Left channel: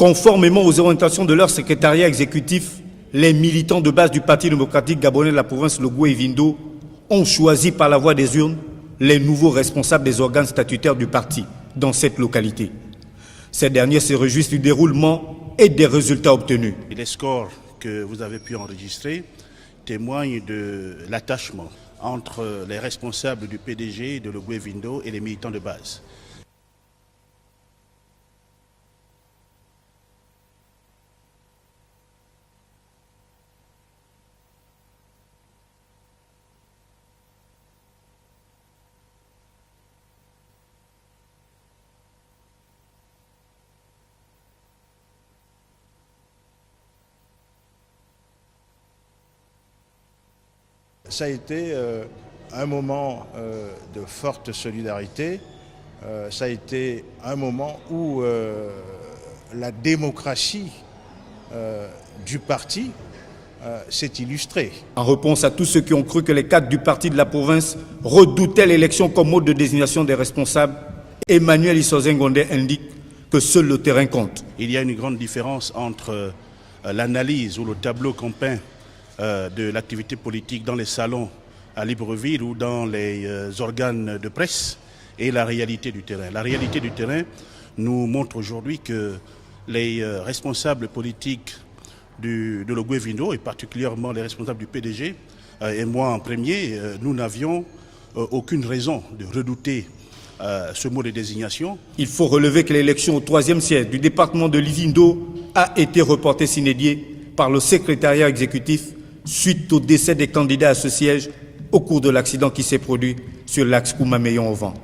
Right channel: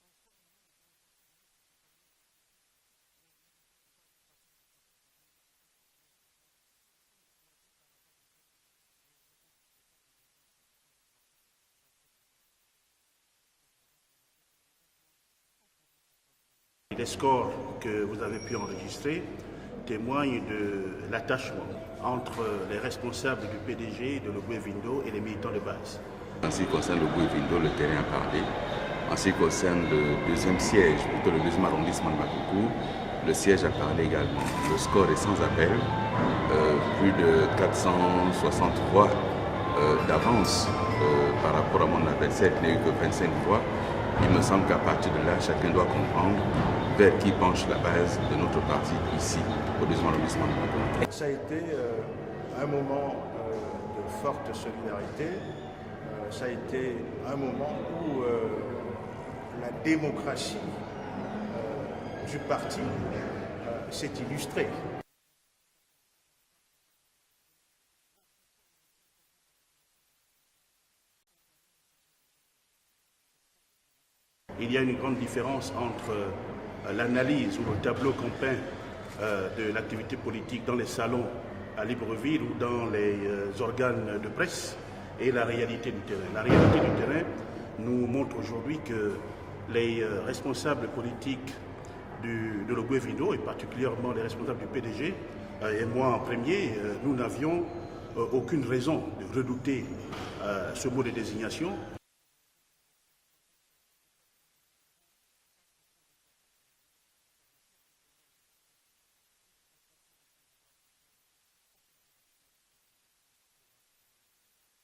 Conformément aux orientations de leur secrétariat exécutif, les militants de base du Parti démocratique gabonais de la province Logou-Evindo ont choisi par la voie des urnes les nouveaux responsables des organes statutaires du parti dans cette localité. Ces derniers se réjouissent du déroulement et des résultats obtenus. Les scores que vous avez pu enregistrer témoignent de l'attachement entre les responsables du PDG de Logou-Evindo et les militants de base. En ce qui concerne Logou-Evindo, le terrain a parlé. En ce qui concerne le deuxième siège, plutôt le deuxième arrondissement de Makougou, le siège a parlé également. Le score est sans appel, plus de 460 voix d'avance par rapport à mon adversaire qui n'a eu que 25 voix. Il me semble qu'à partir de là, chacun doit comprendre vers qui penche la base de notre parti ici, au deuxième arrondissement de Makougou. Ça a été un moment de forte solidarité. Ça a été un moment où la démocratie du parti s'est illustrée. En réponse à tous ceux qui ont cru que les cadres du parti de la province redoutaient l'élection comme mode de désignation des responsables, Emmanuel Issozen Ngondé indique que seul le terrain compte. Il y a une grande différence entre l'analyse ou le tableau qu'on peint de l'activité politique dans les salons à Libreville ou dans les organes de presse et la réalité du terrain. La réalité du terrain nous montre aujourd'hui que les responsables politiques de Logou-Evindo, et particulièrement les responsables du PDG, et moi en premier, nous n'avions aucune raison de redouter ce mot de désignation. Il faut relever que l'élection au 3e siège du département de l'Ivindo a été reportée sine die par le secrétariat exécutif suite au décès des candidats à ce siège au cours de l'accident qui s'est produit sur l'axe Koumameyon au vent.